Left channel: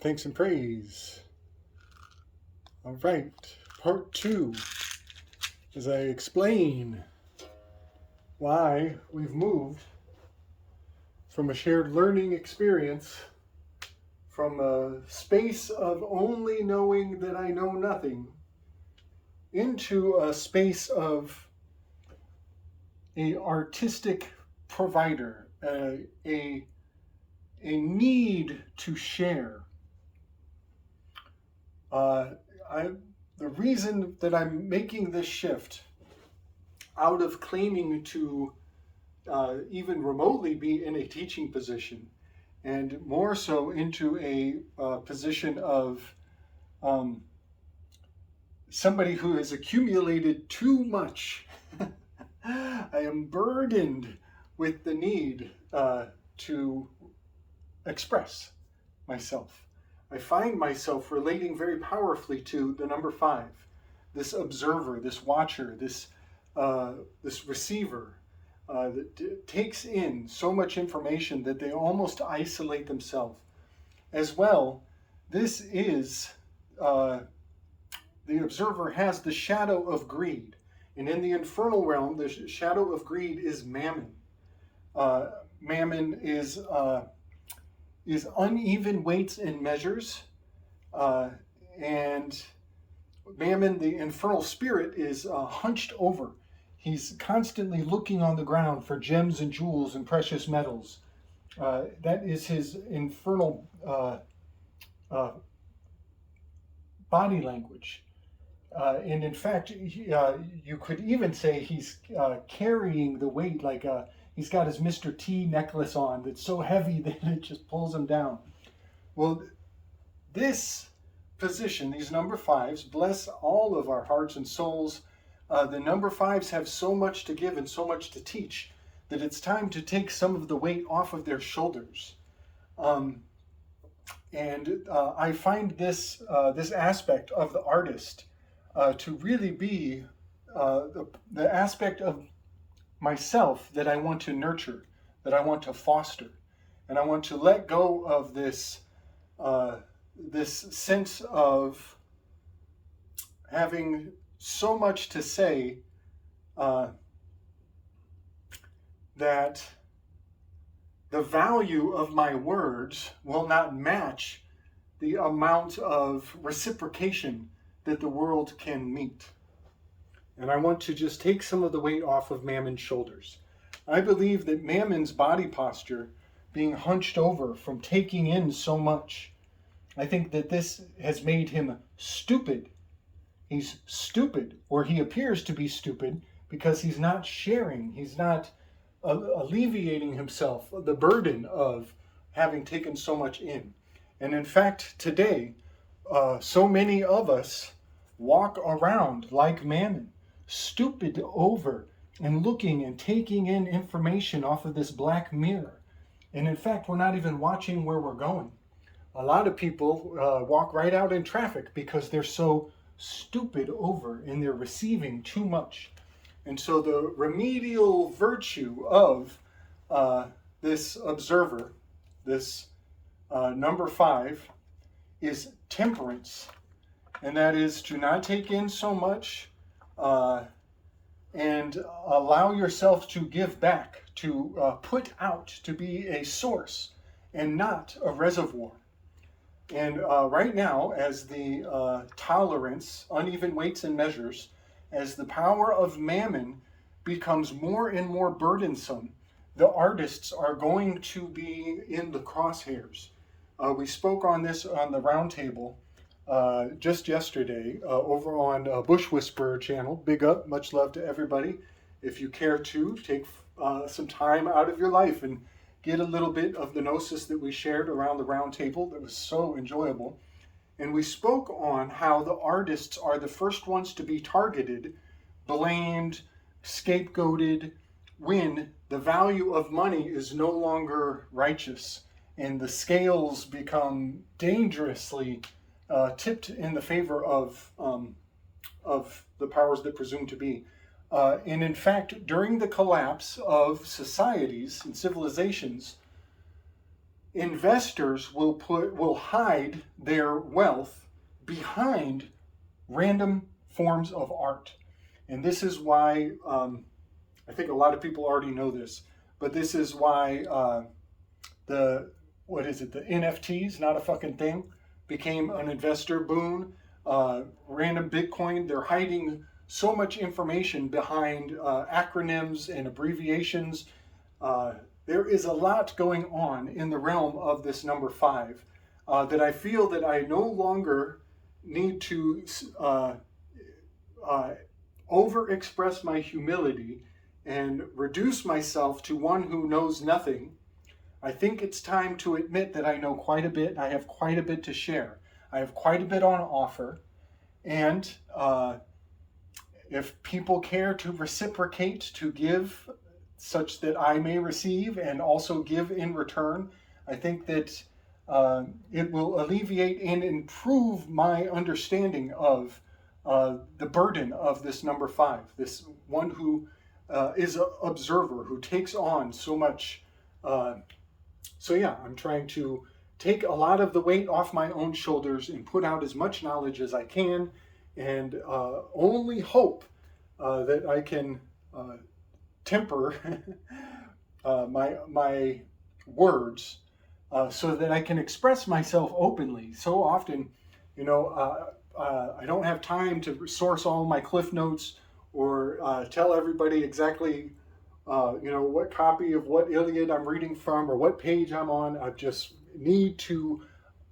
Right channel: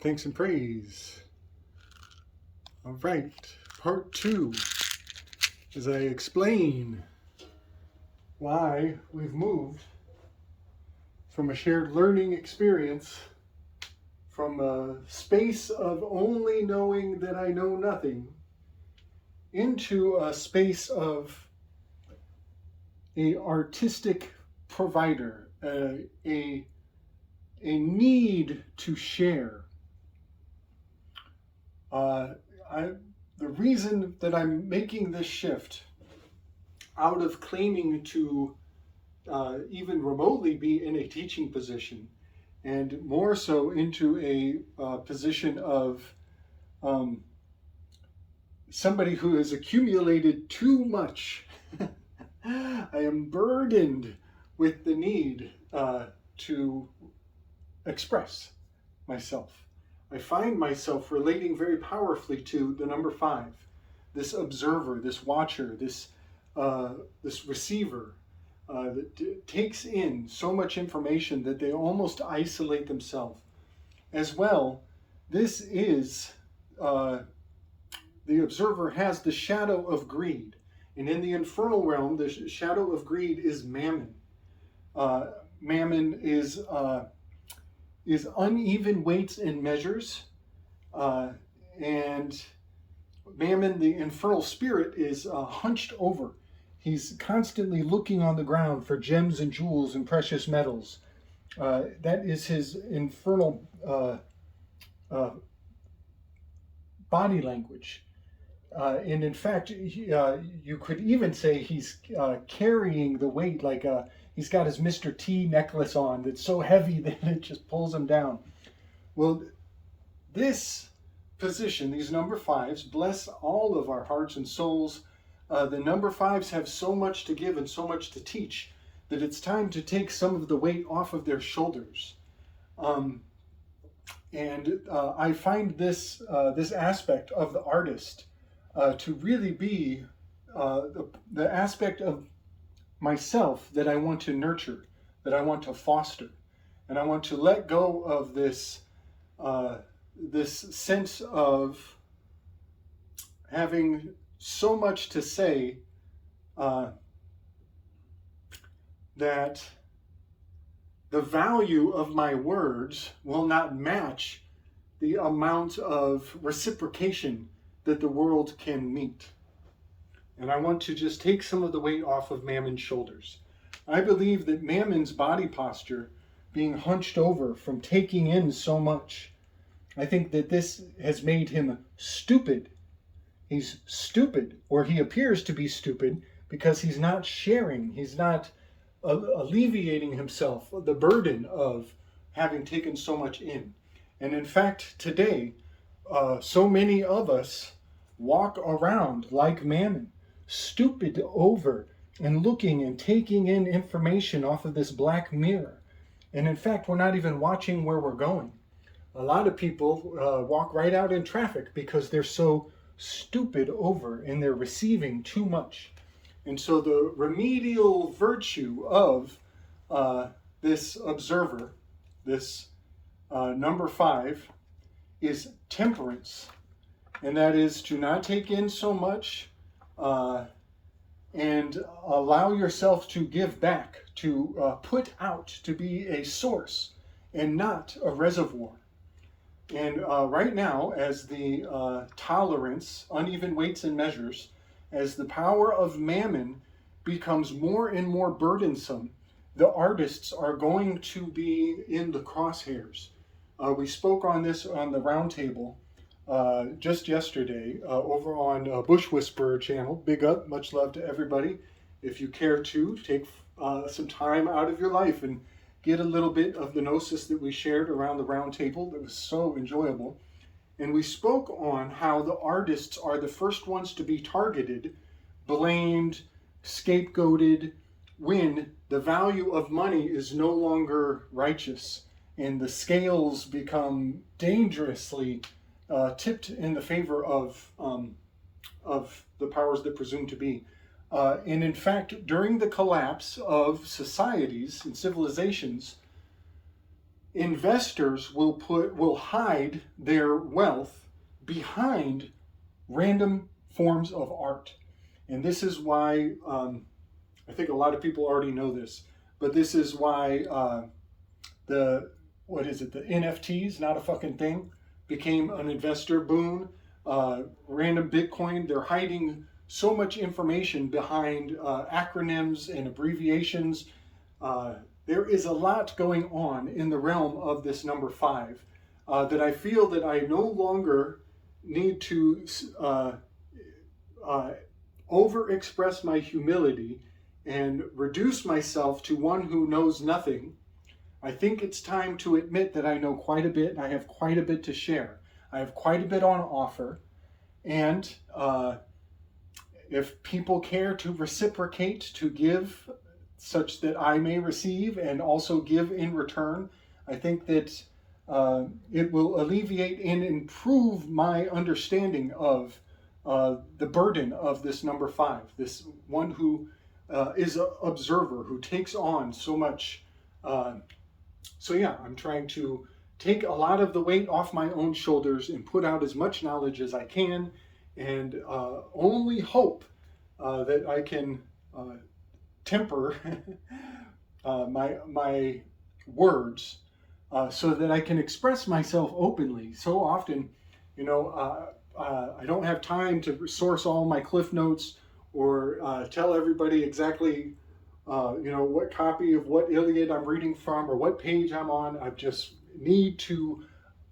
Thanks and praise. All right, part 2, as I explain why we've moved from a shared learning experience, from a space of only knowing that I know nothing, into a space of a artistic provider, a need to share. The reason that I'm making this shift out of claiming to even remotely be in a teaching position, and more so into a position of somebody who has accumulated too much. I am burdened with the need to express myself. I find myself relating very powerfully to the number 5, this observer, this watcher, this receiver that takes in so much information that they almost isolate themselves. As well, this is, the observer has the shadow of greed. And in the infernal realm, the shadow of greed is mammon. Mammon is uneven weights and measures, and Mammon, the infernal spirit, is hunched over. He's constantly looking on the ground for gems and jewels and precious metals. That is his infernal body language. And in fact, you could even say he's carrying the weight, like he's got his Mr. T necklace on that's so heavy that it just pulls him down. Well, this position, these number 5s, bless all of our hearts and souls. The number 5s have so much to give and so much to teach that it's time to take some of the weight off of their shoulders. I find this aspect of the artist to really be the aspect of myself that I want to nurture, that I want to foster, and I want to let go of this sense of having so much to say that the value of my words will not match the amount of reciprocation that the world can meet. And I want to just take some of the weight off of Mammon's shoulders. I believe that Mammon's body posture, being hunched over from taking in so much, I think that this has made him stupid. He's stupid, or he appears to be stupid, because he's not sharing. He's not alleviating himself the burden of having taken so much in. And in fact, today, so many of us walk around like Mammon, stupid over and looking and taking in information off of this black mirror. And in fact, we're not even watching where we're going. A lot of people walk right out in traffic because they're so stupid over and they're receiving too much. And so the remedial virtue of this observer, this number 5, is temperance. And that is to not take in so much and allow yourself to give back, to put out, to be a source and not a reservoir. And right now, as the tolerance, uneven weights and measures, as the power of Mammon becomes more and more burdensome, the artists are going to be in the crosshairs. We spoke on this on the Roundtable just yesterday over on Bushwisperer channel. Big up, much love to everybody. If you care to, take some time out of your life and get a little bit of the gnosis that we shared around the Roundtable. That was so enjoyable. And we spoke on how the artists are the first ones to be targeted, blamed, scapegoated, when the value of money is no longer righteous and the scales become dangerously tipped in the favor of the powers that presume to be. And in fact, during the collapse of societies and civilizations, investors will hide their wealth behind random forms of art. And this is why, I think a lot of people already know this, but this is why the NFTs, not a fucking thing, became an investor boon. Random Bitcoin, they're hiding so much information behind acronyms and abbreviations. There is a lot going on in the realm of this number 5 that I feel that I no longer need to overexpress my humility and reduce myself to one who knows nothing. I think it's time to admit that I know quite a bit. I have quite a bit to share. I have quite a bit on offer. And if people care to reciprocate, to give such that I may receive and also give in return, I think that it will alleviate and improve my understanding of the burden of this number 5, this one who is an observer, who takes on so much. So yeah, I'm trying to take a lot of the weight off my own shoulders and put out as much knowledge as I can, and only hope that I can temper my words so that I can express myself openly. So often, I don't have time to source all my cliff notes or tell everybody exactly what copy of what Iliad I'm reading from or what page I'm on. I just need to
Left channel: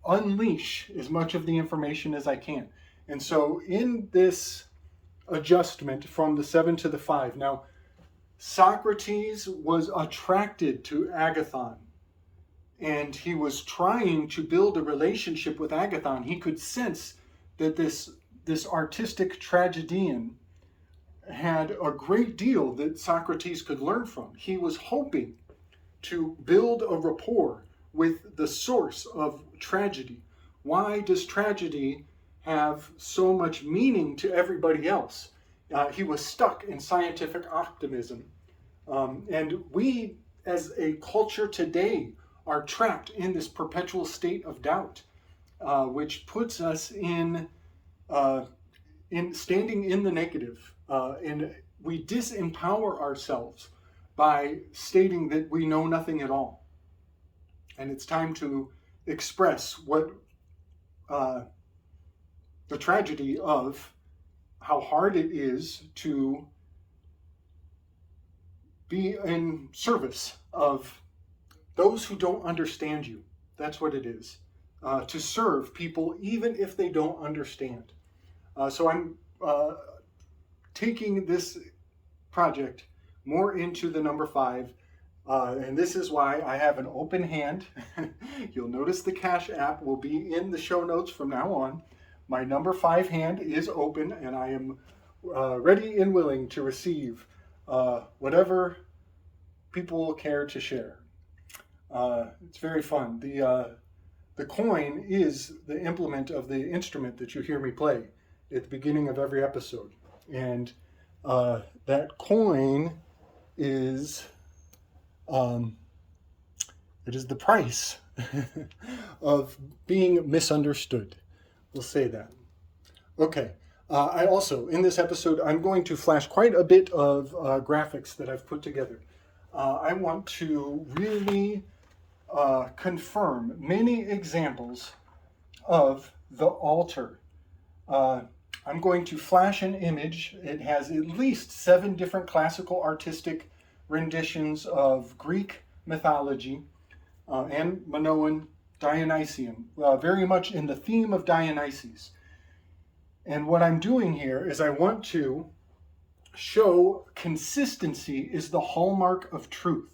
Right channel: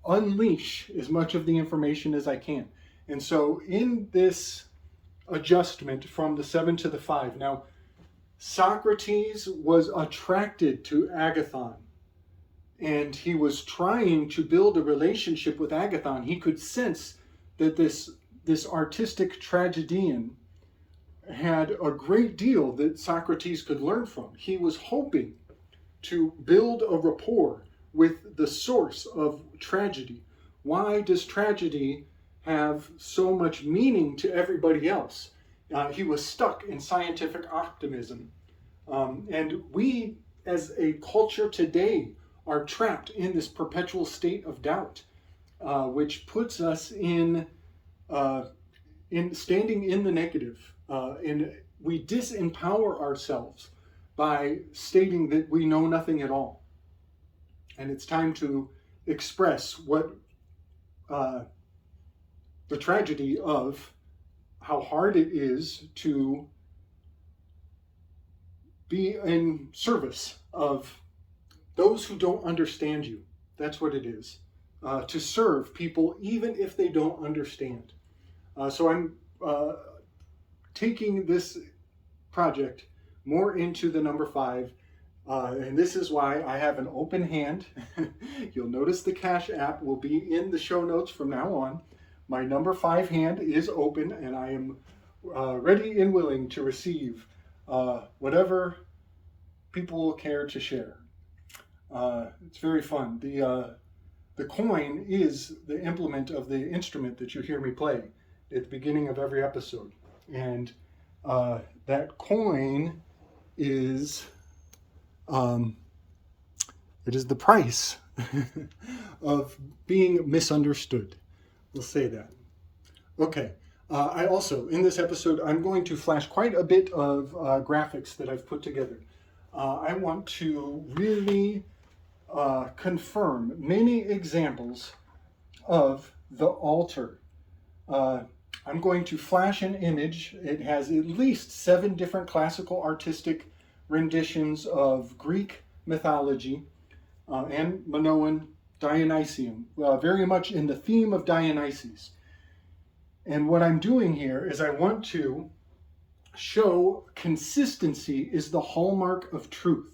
unleash as much of the information as I can. And so in this adjustment from the 7 to the 5, now Socrates was attracted to Agathon, and he was trying to build a relationship with Agathon. He could sense that this artistic tragedian had a great deal that Socrates could learn from. He was hoping to build a rapport with the source of tragedy. Why does tragedy have so much meaning to everybody else? He was stuck in scientific optimism. And we, as a culture today, are trapped in this perpetual state of doubt, which puts us in standing in the negative. And we disempower ourselves by stating that we know nothing at all. And it's time to express what the tragedy of how hard it is to be in service of those who don't understand you. That's what it is. To serve people even if they don't understand. So I'm taking this project more into the number 5. And this is why I have an open hand. You'll notice the Cash App will be in the show notes from now on. My number 5 hand is open, and I am ready and willing to receive whatever people care to share. It's very fun. The coin is the implement of the instrument that you hear me play at the beginning of every episode. And that coin is it is the price of being misunderstood. We'll say that. Okay. I also, in this episode, I'm going to flash quite a bit of graphics that I've put together. I want to really confirm many examples of the altar. I'm going to flash an image. It has at least 7 different classical artistic renditions of Greek mythology and Minoan Dionysian, very much in the theme of Dionysus. And what I'm doing here is I want to show consistency is the hallmark of truth.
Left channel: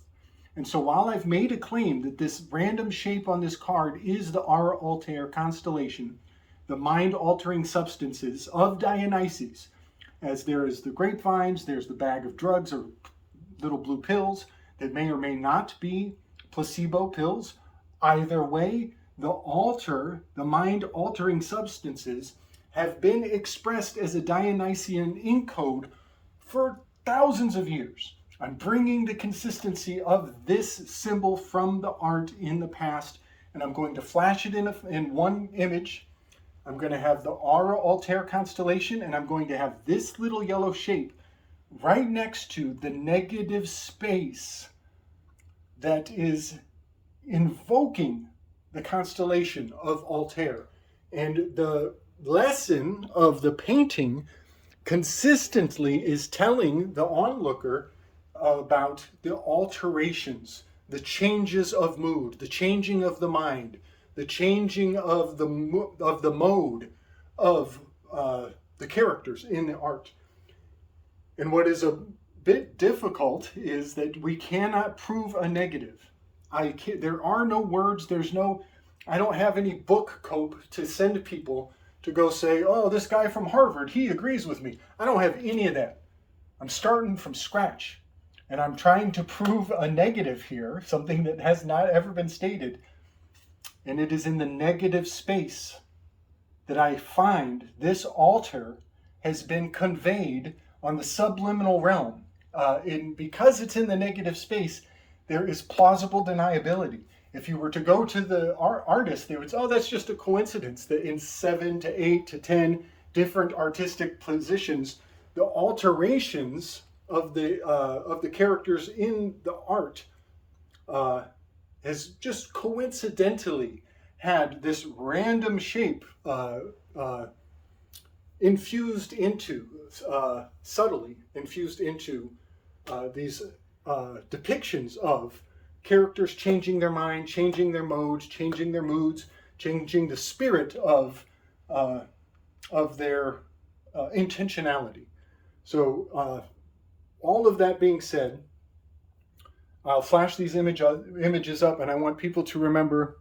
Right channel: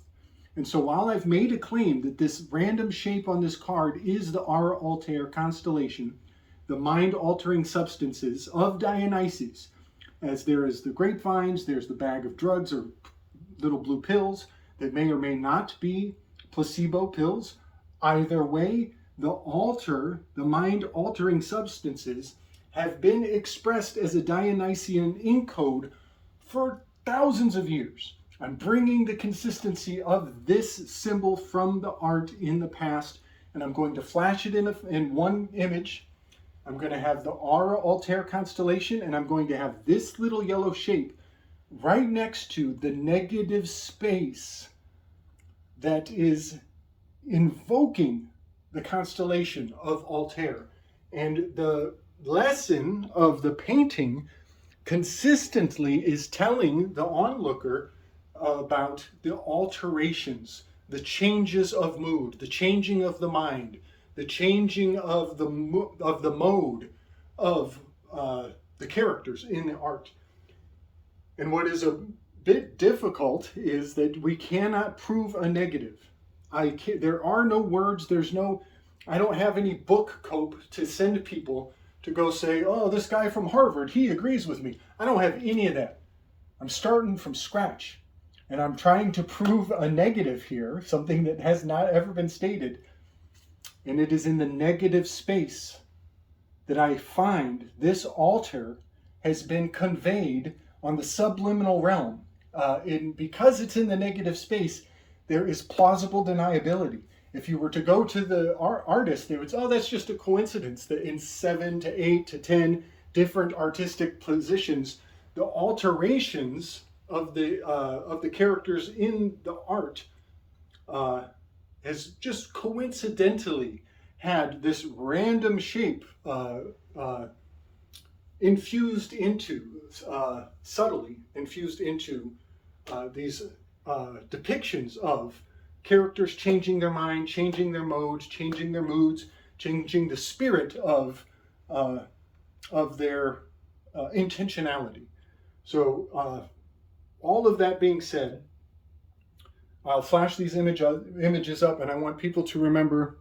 And so while I've made a claim that this random shape on this card is the Ara Altair constellation, the mind-altering substances of Dionysus, as there is the grapevines, there's the bag of drugs or little blue pills that may or may not be placebo pills, Either way, the mind-altering substances have been expressed as a Dionysian ink code for thousands of years. I'm bringing the consistency of this symbol from the art in the past, and I'm going to flash it in one image. I'm going to have the Aura Altair constellation, and I'm going to have this little yellow shape right next to the negative space that is invoking the constellation of Altair. And the lesson of the painting consistently is telling the onlooker about the alterations, the changes of mood, the changing of the mind, the changing of the mode of the characters in the art. And what is a bit difficult is that we cannot prove a negative. There are no words, I don't have any book cope to send people to go say, oh, this guy from Harvard, he agrees with me. I don't have any of that. I'm starting from scratch. And I'm trying to prove a negative here, something that has not ever been stated. And it is in the negative space that I find this altar has been conveyed on the subliminal realm. Because it's in the negative space, there is plausible deniability. If you were to go to the artist, they would say, oh, that's just a coincidence that in 7 to 8 to 10 different artistic positions, the alterations of the characters in the art has just coincidentally had this random shape infused into, subtly infused into these depictions of characters changing their mind, changing their modes, changing their moods, changing the spirit of their intentionality. So all of that being said, I'll flash these images up, and I want people to remember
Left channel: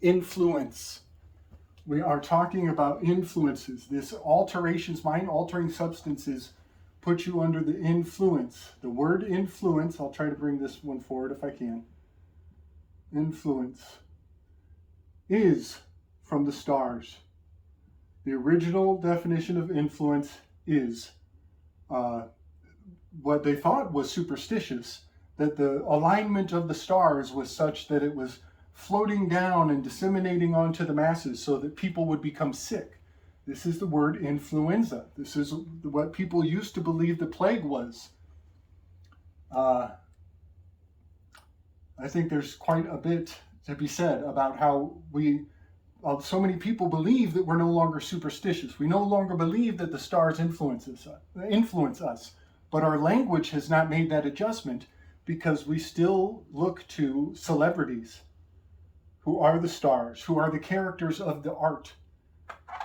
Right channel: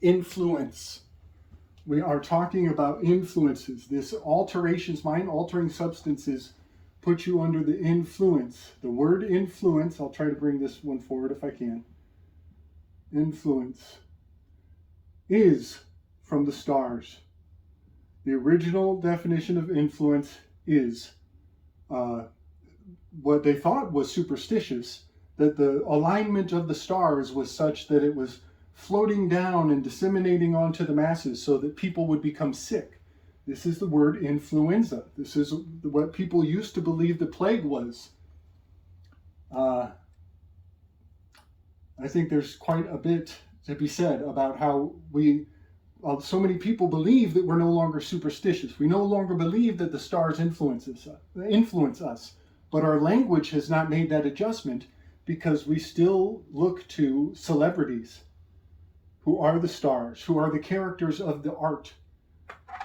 influence. We are talking about influences. This alterations, mind-altering substances put you under the influence. The word influence, I'll try to bring this one forward if I can. Influence is from the stars. The original definition of influence is what they thought was superstitious, that the alignment of the stars was such that it was floating down and disseminating onto the masses so that people would become sick. This is the word influenza. This is what people used to believe the plague was. I think there's quite a bit to be said about how so many people believe that we're no longer superstitious. We no longer believe that the stars influence us. But our language has not made that adjustment because we still look to celebrities who are the stars, who are the characters of the art,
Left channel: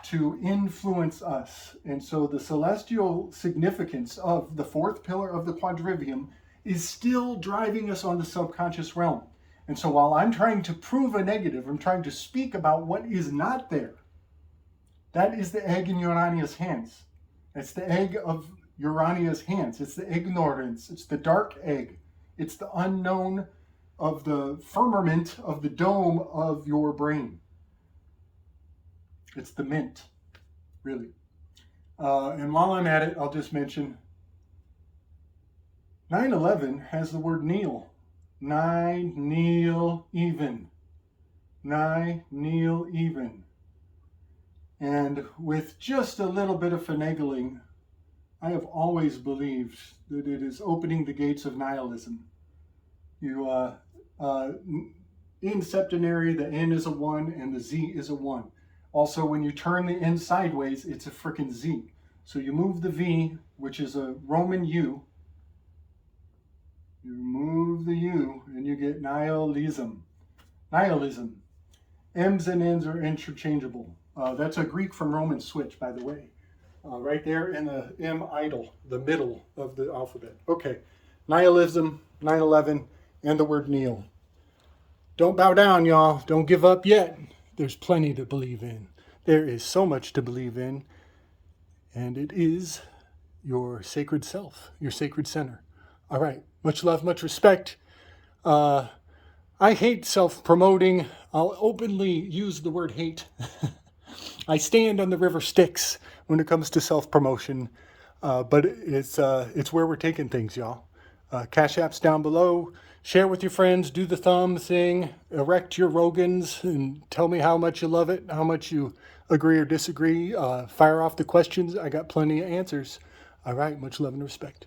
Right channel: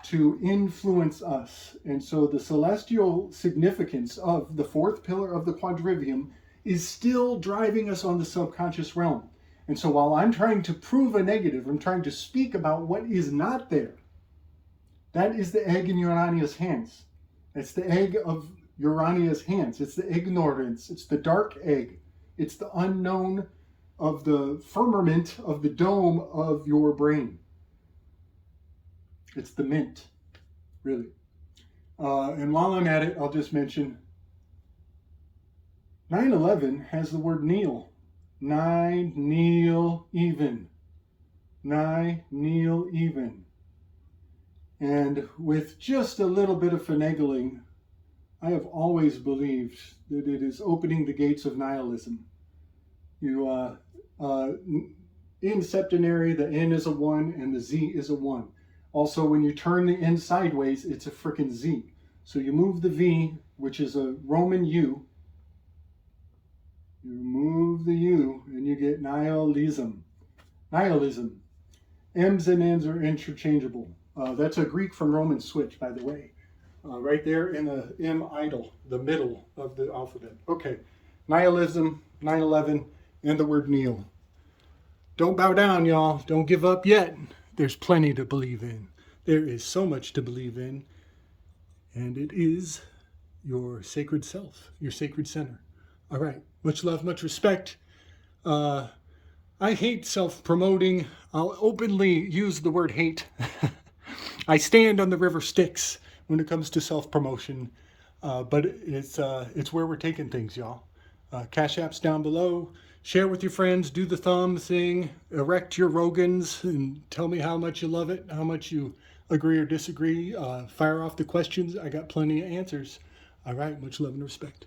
to influence us. And so the celestial significance of the fourth pillar of the quadrivium is still driving us on the subconscious realm. And so while I'm trying to prove a negative, I'm trying to speak about what is not there. That is the egg in Urania's hands. It's the egg of Urania's hands. It's the ignorance. It's the dark egg. It's the unknown of the firmament of the dome of your brain. It's the mint, really. And while I'm at it, I'll just mention 9/11 has the word kneel. Nigh, kneel, even. Nigh, kneel, even. And with just a little bit of finagling, I have always believed that it is opening the gates of nihilism. In septenary, the N is a 1 and the Z is a 1. Also, when you turn the N sideways, it's a frickin' Z. So you move the V, which is a Roman U. You move the U and you get nihilism. Nihilism. M's and N's are interchangeable. That's a Greek from Roman switch, by the way. Right there in the M idle, the middle of the alphabet. Okay, nihilism, 9/11, and the word kneel. Don't bow down, y'all. Don't give up yet. There's plenty to believe in. There is so much to believe in. And it is your sacred self, your sacred center. All right, much love, much respect. I I hate self-promoting. I'll openly use the word hate. I stand on the river Styx when it comes to self-promotion, but it's where we're taking things, y'all. Cash App's down below. Share with your friends. Do the thumb thing. Erect your Rogans and tell me how much you love it, how much you agree or disagree. Fire off the questions. I got plenty of answers. All right, much love and respect.